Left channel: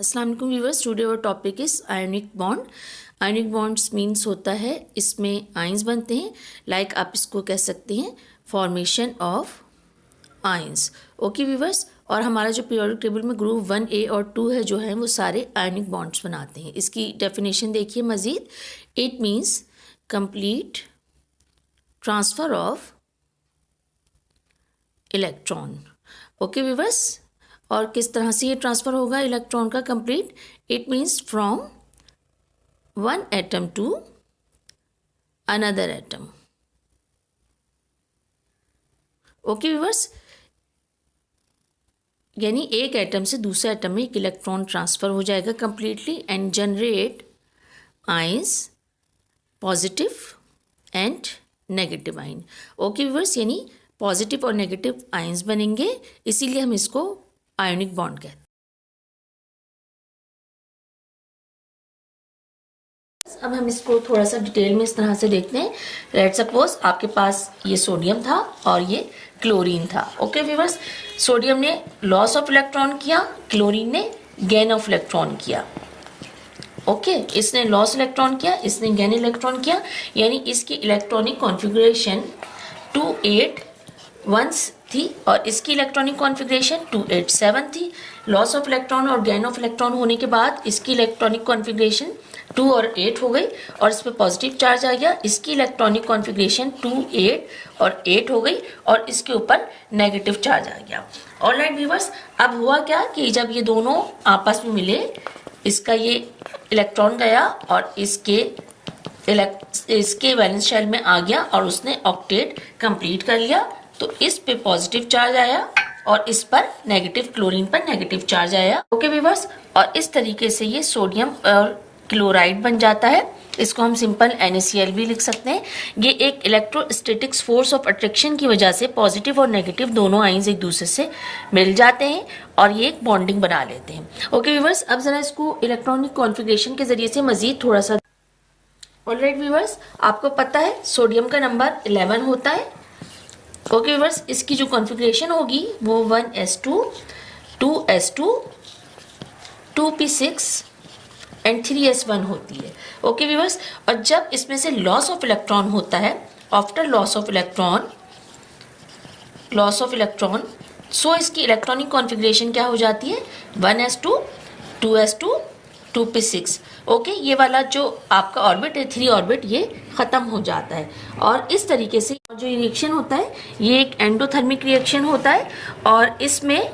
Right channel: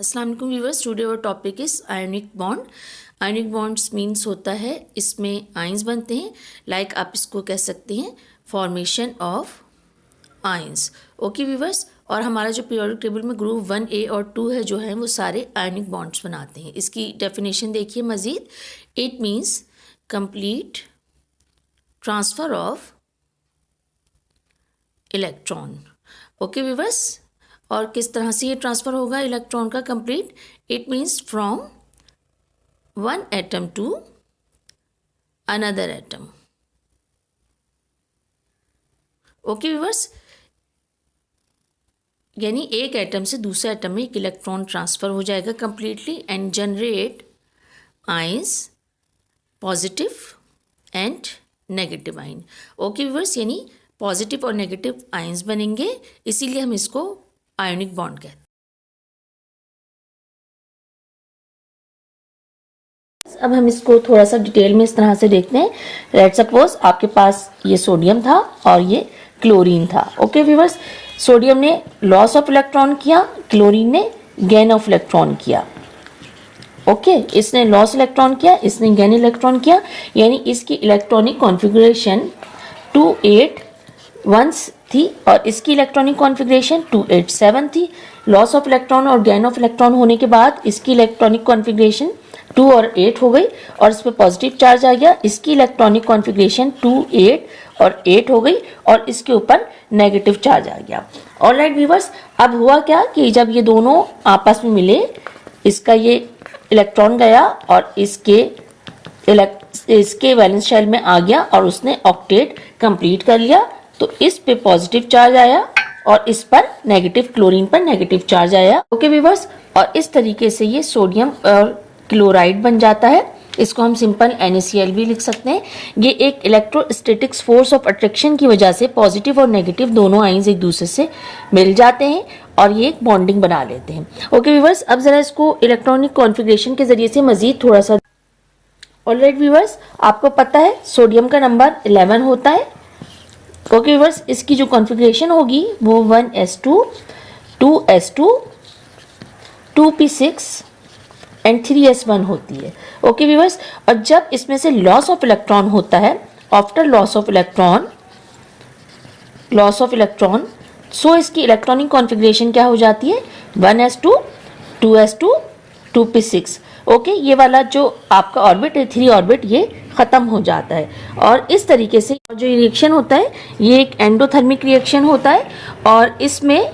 अस्सलाम वालेकुम viewers, today our topic is ionic bond. Ionic bonds means होता है इसमें आयंस बनते हैं, लाइक आप इसको कह सकते हैं formation of ions. Okay viewers, और हमारा जो पीरियोडिक टेबल में ग्रुप 1A और 2 है जो है वो सारे आयनिक बॉन्ड्स बनाते हैं। इसकी डेफिनेशन देखिए मज़ीद। It means complete transfer of electron. Okay viewers, और किस तरह से ये ट्रांसफ़र होगा इलेक्ट्रॉन का complete? It means from one atom to another atom. Okay viewers, यानी एक एटम से दूसरे एटम में एक इलेक्ट्रॉन ट्रांसफ़र हो जाएगा completely and generate ions, positive and negative ion. Okay viewers, यानी पॉजिटिव और नेगेटिव आयंस बनेंगे, इसीलिए हम इसको आयनिक बॉन्ड कहते हैं। अब हम इसको थोड़ा सा डिटेल में इस तरह से देखते हैं। लेट्स सपोज आपके पास ये सोडियम था और ये क्लोरीन था। ओके व्यूअर्स, सोडियम ने लॉस ऑफ इलेक्ट्रॉन किया, क्लोरीन ने गेन ऑफ इलेक्ट्रॉन किया। ओके, इसने लॉस इलेक्ट्रॉन किया, इसने गेन इलेक्ट्रॉन किया, यानी इसकी इलेक्ट्रॉनिक कॉन्फ़िगरेशन 281 थी और इसकी इलेक्ट्रॉनिक कॉन्फ़िगरेशन 287 थी। लॉस ऑफ इलेक्ट्रॉन और गेन ऑफ इलेक्ट्रॉन होने के बाद इसकी इलेक्ट्रॉनिक कॉन्फ़िगरेशन 2 और 8 हो गई और इस पर पॉजिटिव चार्ज आ गया। इसकी इलेक्ट्रॉनिक कॉन्फ़िगरेशन 2, 8 और 8 हो गई और इसके ऊपर नेगेटिव चार्ज आ गया। ऑलराइट व्यूअर्स, अब हुआ क्या कि जब ये दोनों आपस में मिले, इसका ये इलेक्ट्रॉन गया और इसके वैलेंस शेल में आ गया और उसने ऑक्टेट कंप्लीट कर लिया। तो इस पे पॉजिटिव चार्ज आया और इस पर नेगेटिव, क्लोरीन पर नेगेटिव चार्ज आया। ओके व्यूअर्स, और इस तरीके से ये सोडियम और क्लोराइड बन जाता है। इसको हम सिंपल NaCl भी लिख सकते हैं। ये एक इलेक्ट्रोस्टैटिक्स फोर्स ऑफ अट्रैक्शन की वजह से पॉजिटिव और नेगेटिव दोनों आयंस एक दूसरे से मिल जाते हैं और ये एक बॉन्डिंग बना लेते हैं। ओके व्यूअर्स, अब जरा इसको इलेक्ट्रॉनिक कॉन्फ़िगरेशन के जरिए से मजीद थोड़ा सा। ऑलराइट व्यूअर्स, आपको पता है सोडियम का नंबर 11 होता है। ओके व्यूअर्स, इसकी जो कॉन्फ़िगरेशन होगी वो 1s2, 2s2, 2p6 and 3s1 होती है। ओके व्यूअर्स, और जब इसमें से लॉस ऑफ इलेक्ट्रॉन होता है, आफ्टर लॉस ऑफ इलेक्ट्रॉन, सो इसकी इलेक्ट्रॉनिक कॉन्फ़िगरेशन क्या हो जाती है? 1s2, 2s2, 2p6। ओके, ये वाला जो आपका ऑर्बिट है 3 ऑर्बिट, ये खत्म हो जाता है। और इस तरीके से जो रिएक्शन होता है ये एक एंडोथर्मिक रिएक्शन होता है और इसमें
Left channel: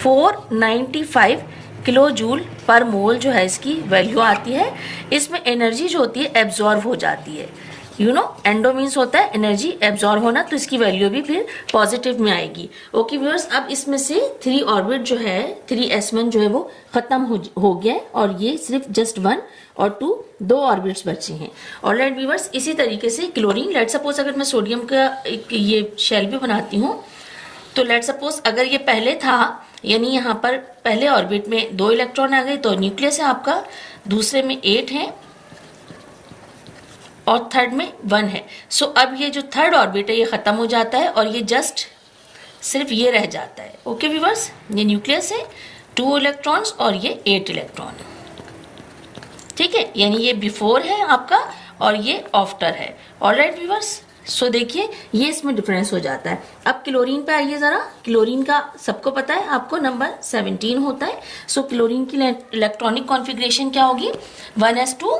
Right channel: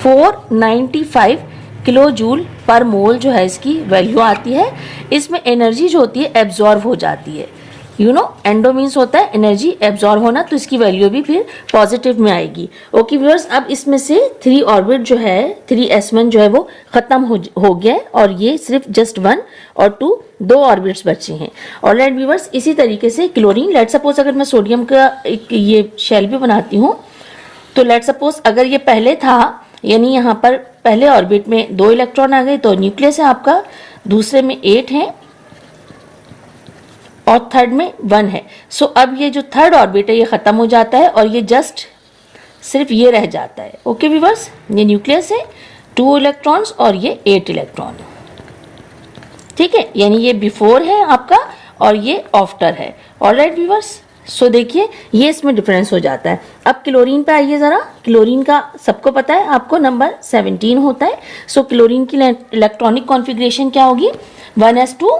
495 किलो जूल पर मोल जो है इसकी वैल्यू आती है। इसमें एनर्जी जो होती है एब्जॉर्ब हो जाती है। एंडो मीन्स होता है एनर्जी एब्जॉर्ब होना, तो इसकी वैल्यू भी फिर पॉजिटिव में आएगी। ओके व्यूअर्स, अब इसमें से 3 ऑर्बिट जो है 3s1 जो है वो खत्म हो गया है और ये सिर्फ जस्ट 1 और 2 दो ऑर्बिट्स बचे हैं। ऑलराइट व्यूअर्स, इसी तरीके से क्लोरीन, लेट सपोज अगर मैं सोडियम का एक ये शेल भी बनाती हूँ, तो लेट सपोज अगर ये पहले था, यानी यहाँ पर पहले ऑर्बिट में 2 इलेक्ट्रॉन आ गए तो न्यूक्लियस है आपका, दूसरे में 8 है और थर्ड में 1 है। सो अब ये जो थर्ड ऑर्बिट है ये खत्म हो जाता है और ये जस्ट सिर्फ ये रह जाता है। ओके व्यूअर्स, ये न्यूक्लियस है, 2 इलेक्ट्रॉन्स और ये 8 इलेक्ट्रॉन। ठीक है, यानी ये बिफोर है आपका और ये आफ्टर है। ऑलराइट व्यूअर्स, सो देखिए ये इसमें डिफरेंस हो जाता है। अब क्लोरीन पे आइए जरा। क्लोरीन का सबको पता है, आपको नंबर 17 होता है। सो क्लोरीन की इलेक्ट्रॉनिक कॉन्फ़िगरेशन क्या होगी? 1s2,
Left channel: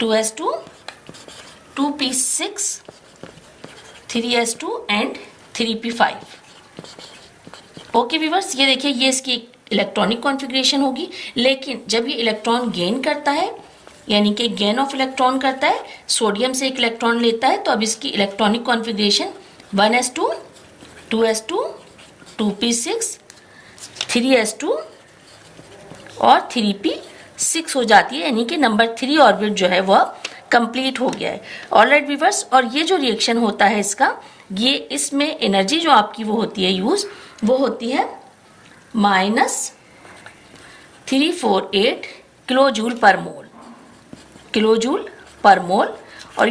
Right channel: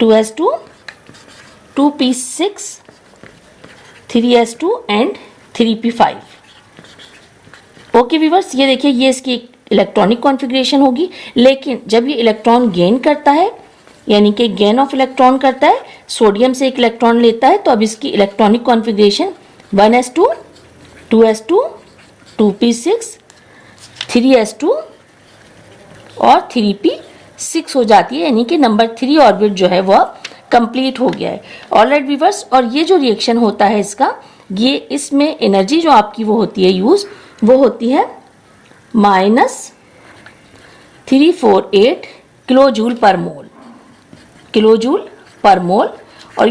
2s2, 2p6, 3s2 and 3p5। Okay viewers, ये देखिए ये इसकी इलेक्ट्रॉनिक कॉन्फ़िगरेशन होगी। लेकिन जब ये इलेक्ट्रॉन गेन करता है, यानी कि गेन ऑफ इलेक्ट्रॉन करता है, सोडियम से एक इलेक्ट्रॉन लेता है, तो अब इसकी electronic configuration 1s2, 2s2, 2p6, 3s2 और 3p6 हो जाती है, यानी कि नंबर 3 ऑर्बिट जो है वह कंप्लीट हो गया है। ऑलराइट व्यूअर्स, और ये जो रिएक्शन होता है इसका, ये इसमें एनर्जी जो आपकी वो होती है यूज, वो होती है -348 किलो जूल पर मोल। और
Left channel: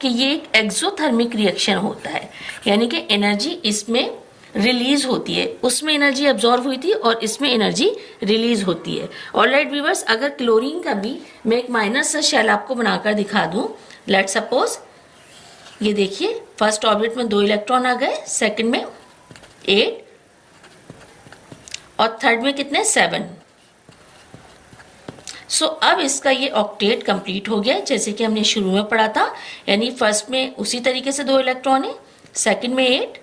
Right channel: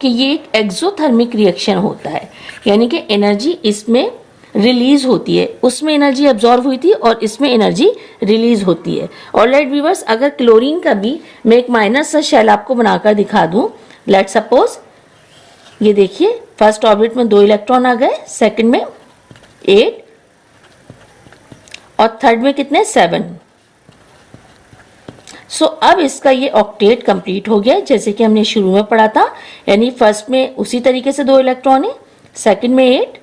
कि ये एक एक्सोथर्मिक रिएक्शन होता है, यानी कि एनर्जी इसमें रिलीज होती है, उसमें एनर्जी एब्जॉर्ब हुई थी और इसमें एनर्जी रिलीज होती है। ऑलराइट व्यूअर्स, अगर क्लोरीन का भी मैं एक माइनर सा शेल आपको बनाकर दिखा दूं, लेट सपोज ये देखिए फर्स्ट ऑर्बिट में 2 इलेक्ट्रॉन आ गए, सेकंड में 8 और थर्ड में कितने 7। सो अब इसका ये ऑक्टेट कंप्लीट हो गया जैसे कि हमने शुरू में पढ़ा था, यानी फर्स्ट में उसी तरीके से 2 इलेक्ट्रॉन है, सेकंड में 8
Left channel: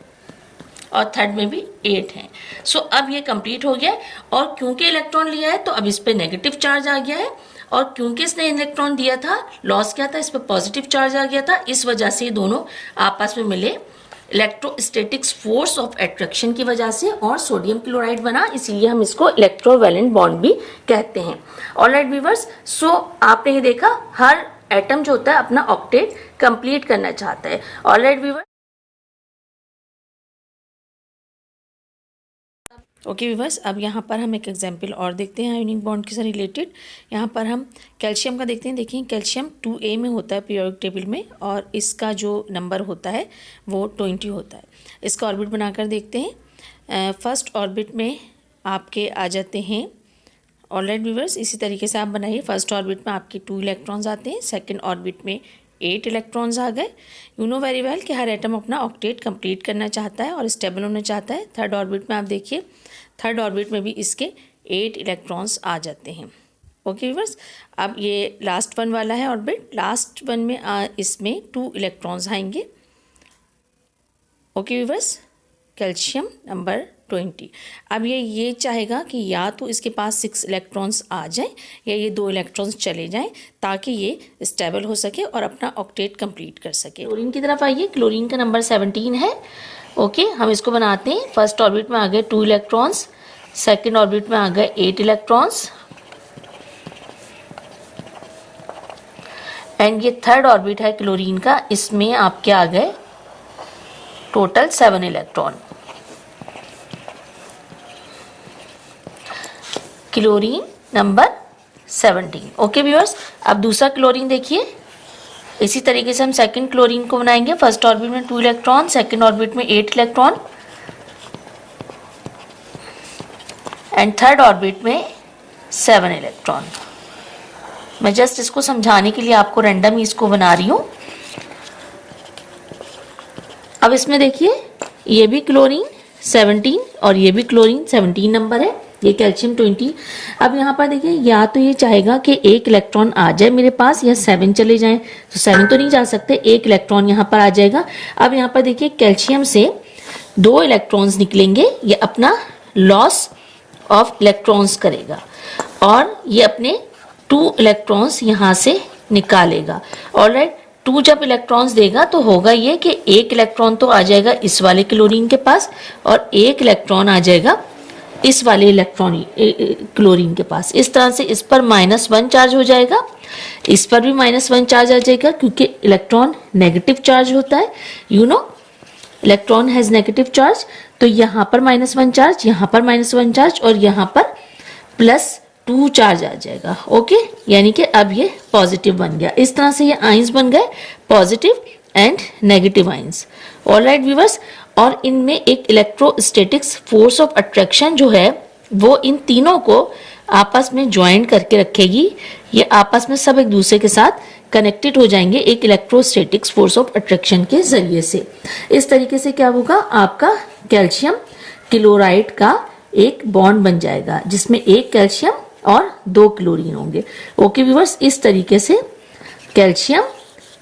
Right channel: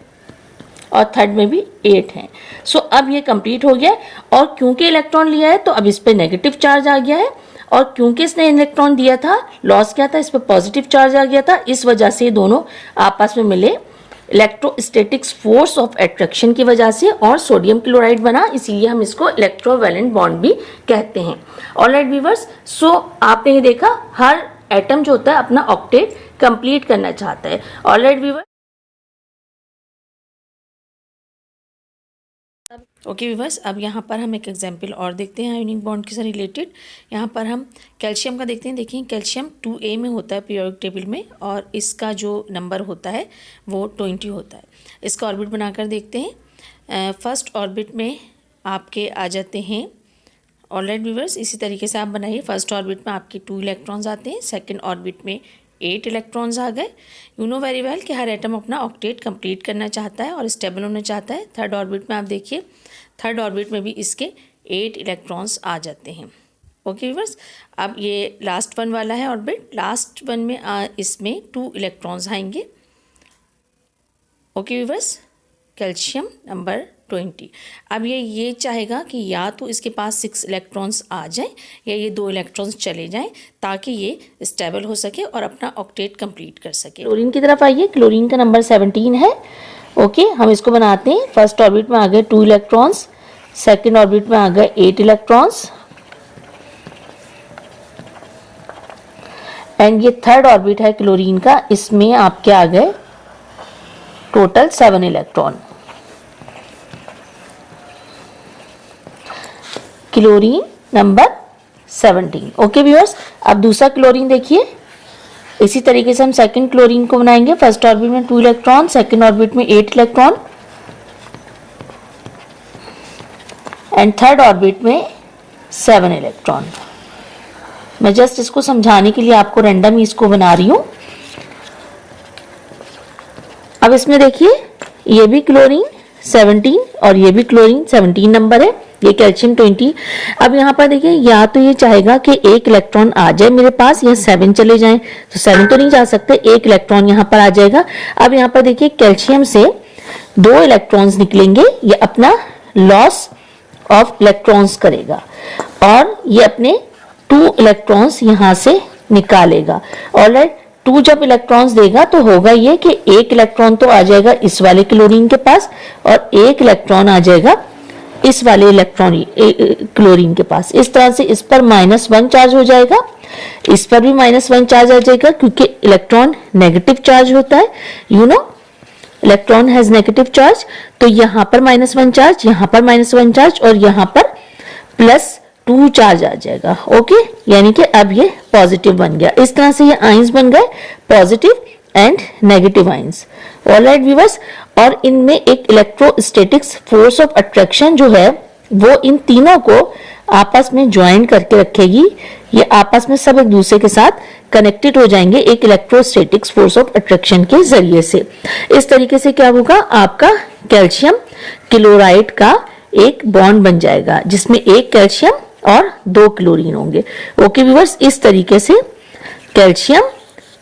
और थर्ड में भी 8 है। सो अब ये कंप्लीट हो गया और क्योंकि इलेक्ट्रॉन लिया है तो अब इस पे नेगेटिव चार्ज आ गया है और क्योंकि इसने इलेक्ट्रॉन दिया था, लॉस किया था, इस पे पॉजिटिव चार्ज आ गया था, इस वजह से दोनों आपस में मिले इलेक्ट्रोस्टैटिक्स फोर्स ऑफ अट्रैक्शन की वजह से और सोडियम क्लोराइड बना, इसीलिए हम इसको इलेक्ट्रोवैलेंट बॉन्ड भी कहते हैं। ऑलराइट व्यूअर्स, सो आपने ये देखा हर एटम जो होता है अपना ऑक्टेट कंप्लीट करना चाहता है। ऑलराइट व्यूअर्स, ओके व्यूअर्स, अब यहाँ पर हम एक एग्जांपल और देखते हैं आयोनिक बॉन्ड के साथ रिलेटेड। यहाँ पर हम कैल्शियम का देखते हैं। देखिए कैल्शियम 2A में होता है पीरियोडिक टेबल में और इसका जो नंबर होता है वो 20 होता है। इसका ऑर्बिट बनाकर देखते हैं। फर्स्ट ऑर्बिट में आपके आ जाते हैं, ऑलराइट व्यूअर्स, इसी तरीके से आप बनाइए। फर्स्ट ऑर्बिट में आपके 2 इलेक्ट्रॉन्स आते हैं, सेकेंड ऑर्बिट में 8 इलेक्ट्रॉन्स आ गए। यू नो वेरी वेल कि हर एटम अपना ऑक्टेट कंप्लीट करना चाहता है और स्टेबल होना चाहता है। थर्ड ऑर्बिट में आप देखिए, थर्ड ऑर्बिट में भी इसके 8 इलेक्ट्रॉन्स आ जाते हैं। ओके व्यूअर्स, अब ये लास्ट वन वाला है ऑर्बिट, लास्ट वन में इसमें 2 इलेक्ट्रॉन्स आएंगे। Okay viewers, calcium number 20। अब ये चाहेगा कि या तो इसके पास 6 इलेक्ट्रॉन्स आ जाएं या ये 2 इलेक्ट्रॉन्स चले जाएं ताकि ये स्टेबल हो सके और अपना ऑक्टेट कंप्लीट कर सके। क्लोरीन की तरफ आइए, क्लोरीन का नंबर 17 है। ओके, हम इसको बनाते हैं। फर्स्ट ऑर्बिट में आ गए 2 इलेक्ट्रॉन्स, सेकेंड ऑर्बिट में आ गए 8 इलेक्ट्रॉन्स एंड ये थर्ड ऑर्बिट है क्लोरीन का, इसमें आपके आ गए total 7 electron. Chlorine number 17। Okay viewers, अब दूसरा क्लोरीन देखिए, इसी तरीके से हम सेकंड क्लोरीन को बनाएंगे। फर्स्ट ऑर्बिट में 2 इलेक्ट्रॉन, सेकंड ऑर्बिट में 8 इलेक्ट्रॉन एंड थर्ड ऑर्बिट में 7 इलेक्ट्रॉन। मैं जस्ट इसको समझाने के लिए आपको रैंडम ही इसको बना रही हूं। अब इसमें देखिए ये भी क्लोरीन 17 और ये भी क्लोरीन 17 नंबर है, ये कैल्शियम 20। अब यहाँ पर देखिए या तो ये चाहेगा कि 1 इलेक्ट्रॉन आ जाए मेरे पास या 7 चले जाएं, तो 7 तो नहीं जा सकते, 1 इलेक्ट्रॉन यहाँ पर आ जाएगा। अब यहाँ पर देखिए कैल्शियम से 2 इलेक्ट्रॉन्स निकलेंगे, ये अपना लॉस ऑफ इलेक्ट्रॉन्स करेगा और ये अपने 2 इलेक्ट्रॉन्स यहाँ से निकालेगा। ऑलराइट, 2 जब इलेक्ट्रॉन्स देगा तो होगा ये कि 1 इलेक्ट्रॉन तो आ जाएगा इस वाले क्लोरीन के पास और 1 इलेक्ट्रॉन आ जाएगा इस वाले क्लोरीन के पास। इस तरह से इस पर -1 चार्ज हो जाएगा, इस पर भी -1 चार्ज आ जाएगा क्योंकि इलेक्ट्रॉन नेगेटिव चार्ज होता है। You know electron has negative charge, तो यहाँ पर -1 चार्ज, यहाँ पर -1 चार्ज और यहाँ पर +2 चार्ज आ जाएगा। ओके, यानी कि अब ये पॉजिटिव बन गया। इस तरह से ये आइंस बन गए, positive and negative ions. Alright viewers, और इनमें एक इलेक्ट्रोस्टैटिक्स फोर्स ऑफ अट्रैक्शन जो है वो इन तीनों को आपस में ज्वाइन करके रखेगी। ये आपस में सब एक दूसरे के साथ कनेक्टेड हो जाएंगे एक इलेक्ट्रोस्टैटिक्स फोर्स ऑफ अट्रैक्शन के जरिए से। इस तरीके से क्या होगा, आपका कैल्शियम क्लोराइड का एक बॉन्ड बन जाएगा जिसमें 1 कैल्शियम और 2 क्लोरीन होंगे। ओके व्यूअर्स, इस तरीके से कैल्शियम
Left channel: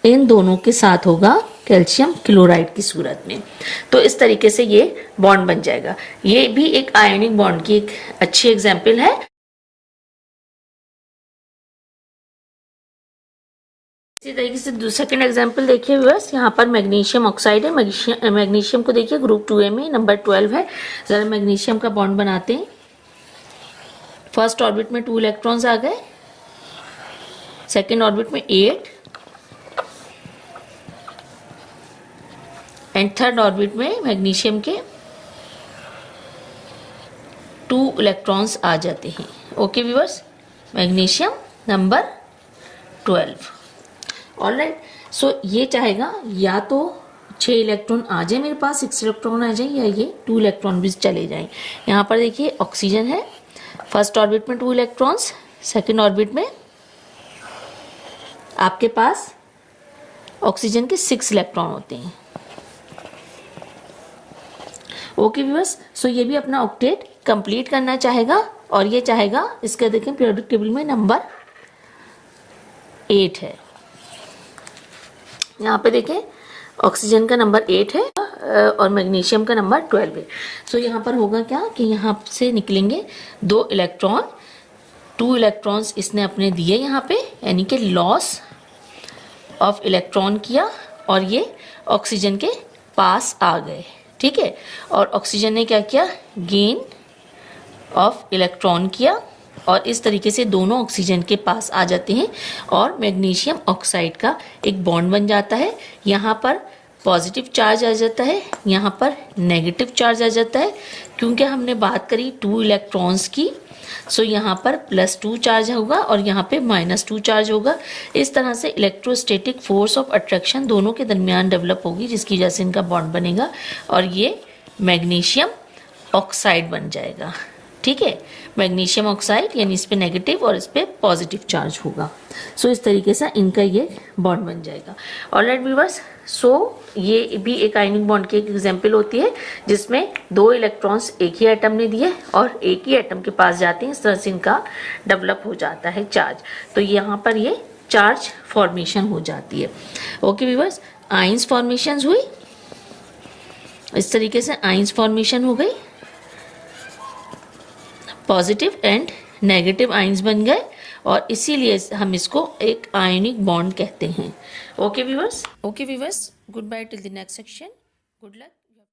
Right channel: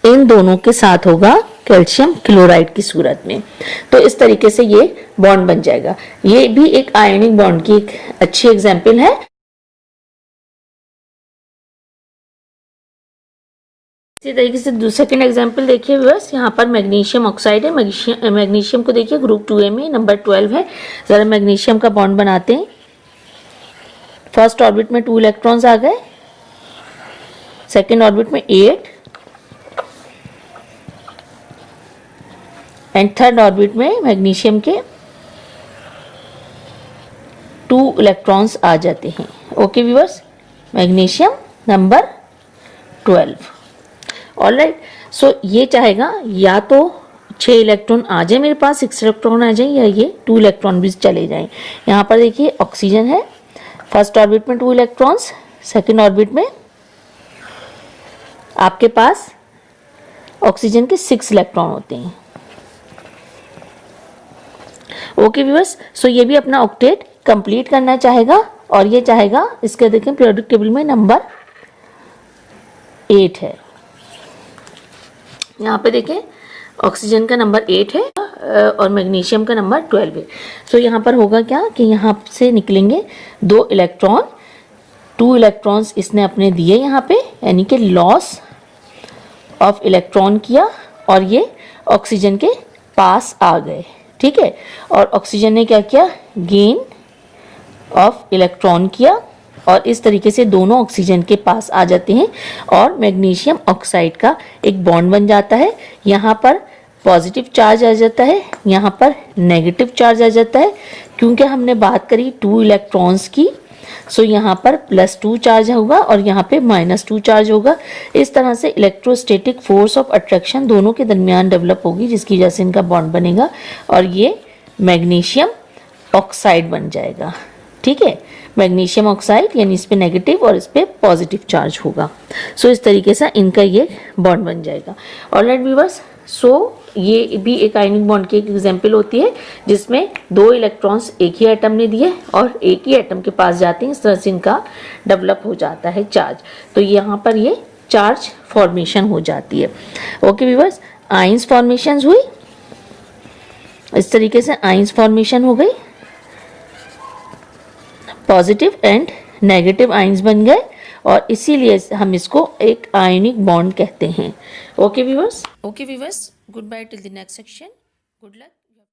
इन दोनों के साथ होगा कैल्शियम क्लोराइड की सूरत में, तो इस तरीके से ये बॉन्ड बन जाएगा। ये भी एक आयनिक बॉन्ड की एक अच्छी एग्जांपल है। इसी तरीके से सेकंड एग्जांपल देखिए व्यूअर्स, यहाँ पर मैग्नीशियम ऑक्साइड है। मैग्नीशियम को देखिए ग्रुप 2A में नंबर 12 है। जरा मैग्नीशियम का बॉन्ड बनाते हैं। फर्स्ट ऑर्बिट में 2 इलेक्ट्रॉन्स आ गए, सेकेंड ऑर्बिट में 8 एंड थर्ड ऑर्बिट में मैग्नीशियम के 2 इलेक्ट्रॉन्स आ जाते हैं। Okay viewers, magnesium number 12। Alright, so ये चाहेगा या तो 6 इलेक्ट्रॉन आ जाए मेरे पास, 6 इलेक्ट्रॉन आ जाए, या ये 2 इलेक्ट्रॉन भी चले जाएं। यहाँ पर देखिए ऑक्सीजन है, फर्स्ट ऑर्बिट में 2 इलेक्ट्रॉन्स, सेकेंड ऑर्बिट में आपके पास ऑक्सीजन के 6 इलेक्ट्रॉन होते हैं। ओके व्यूअर्स, सो ये भी अपना ऑक्टेट कंप्लीट करना चाहेगा और ये चाहेगा, इसके देखें पीरियोडिक टेबल में नंबर 8 है। यहाँ पे देखें ऑक्सीजन का नंबर 8 है और मैग्नीशियम का नंबर 12 है। सो यहाँ पर होगा क्या कि यहाँ से निकलेंगे 2 इलेक्ट्रॉन, 2 इलेक्ट्रॉन्स इसने अपने दिए यहाँ पे, यानी कि लॉस ऑफ इलेक्ट्रॉन किया और ये ऑक्सीजन के पास आ गए, ठीक है। और ऑक्सीजन ने क्या किया, गेन ऑफ इलेक्ट्रॉन किया और इस तरीके से दोनों ऑक्सीजन के पास आ जाते हैं और मैग्नीशियम ऑक्साइड का एक बॉन्ड बन जाता है। यहाँ पर पॉजिटिव चार्ज आ जाता है, यहाँ पर नेगेटिव चार्ज आ जाता है। क्योंकि हमने बात करी 2 इलेक्ट्रॉन्स की, सो यहाँ पर +2 चार्ज होगा और यहाँ पे -2 चार्ज होगा। इस तरह से इलेक्ट्रोस्टैटिक फोर्स ऑफ अट्रैक्शन दोनों के दरमियान डेवलप होगी, जिसकी वजह से इनका बॉन्ड बनेगा और ये मैग्नीशियम ऑक्साइड बन जाएगा, ठीक है। मैग्नीशियम ऑक्साइड यानी इस पे नेगेटिव और इस पे पॉजिटिव चार्ज होगा। सो इस तरीके से इनका ये बॉन्ड बन जाएगा। ऑलराइट व्यूअर्स, सो ये भी एक आयनिक बॉन्ड की एक एग्जांपल होती है जिसमें 2 इलेक्ट्रॉन्स एक ही एटम ने दिए और एक ही एटम के पास जाते हैं, इस तरह से इनका डेवलप हो जाता है चार्ज। तो यहाँ पर ये चार्ज फॉर्मेशन हो जाती है। ओके व्यूअर्स, आयंस फॉर्मेशन हुई, इस तरीके से आयंस फॉर्मेशन हो गई, पॉजिटिव एंड नेगेटिव आयंस बन गए और इसीलिए हम इसको एक आयनिक बॉन्ड कहते हैं। Okay viewers, good bye till the next section, good luck.